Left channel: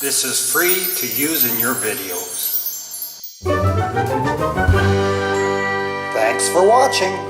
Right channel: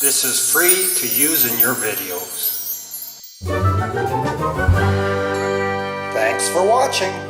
This is free to use in your videos. Thanks for watching.